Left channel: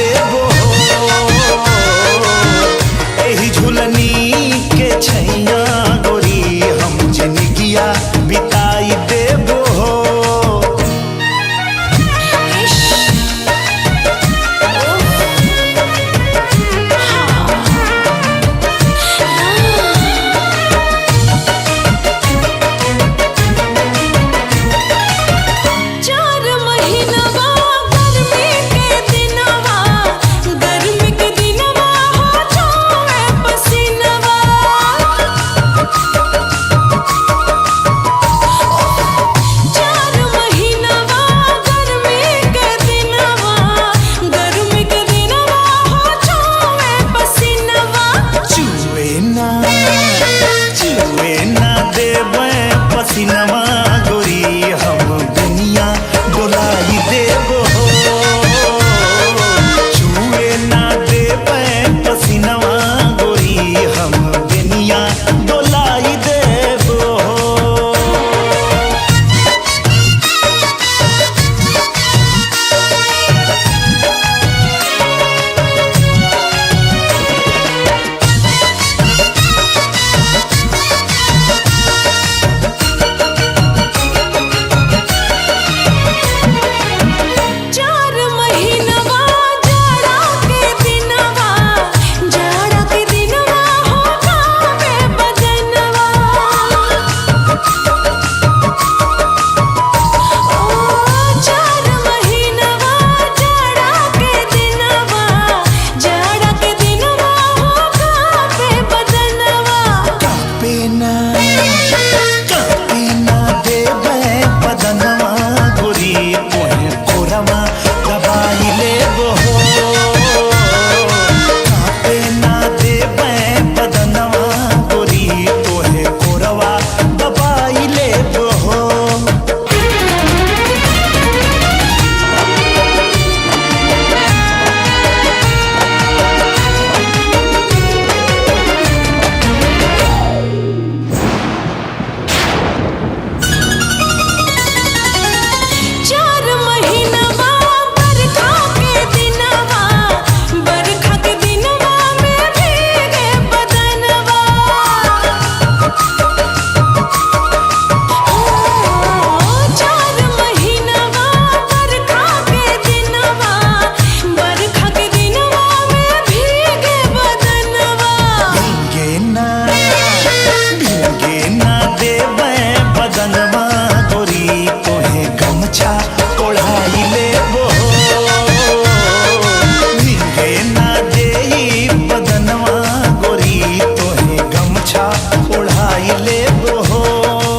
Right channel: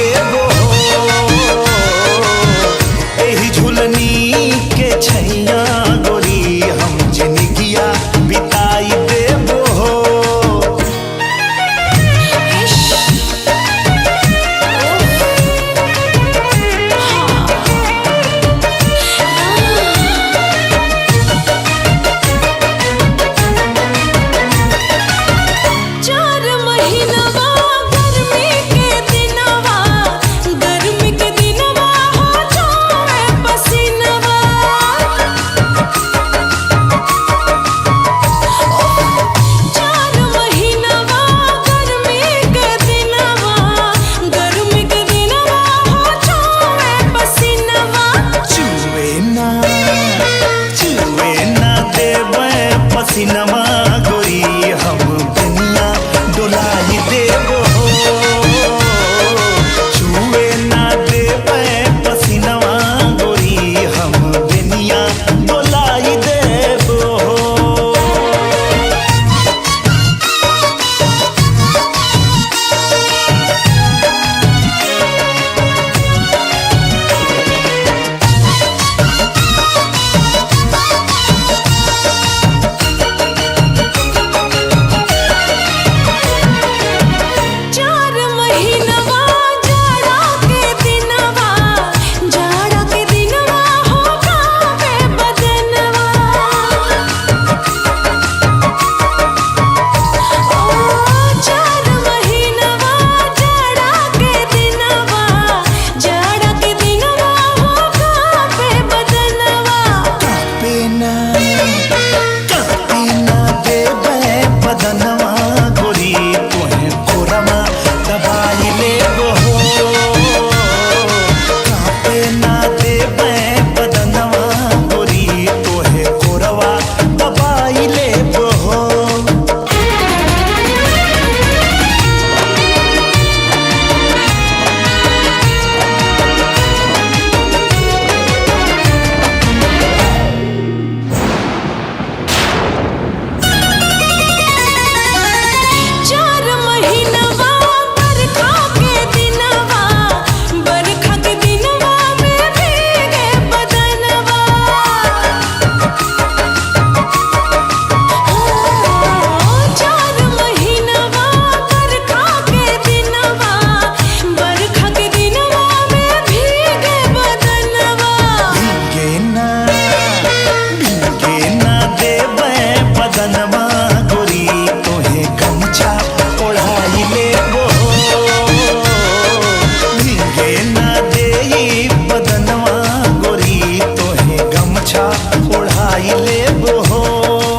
देबो एही झुलनी के छैया गोरी हम जिंदगिया बिताई देबो। पसीनमा गोरी हम दुनिया डोलाई देबो छुए ना देबे पसीनमा गोरी हम दुनिया डोलाई देबो। बदनवा गोरी तोहे कोरमा दबाई लेबो कापे ना देबे बदनवा गोरी तोहे कोरवा दबाई लेबो। बदनवा गोरी तोहे गमछा ओढ़ाई लेबो भीगे ना देई बदनवा गोरी तोहे गमछा ओढ़ाई लेबो।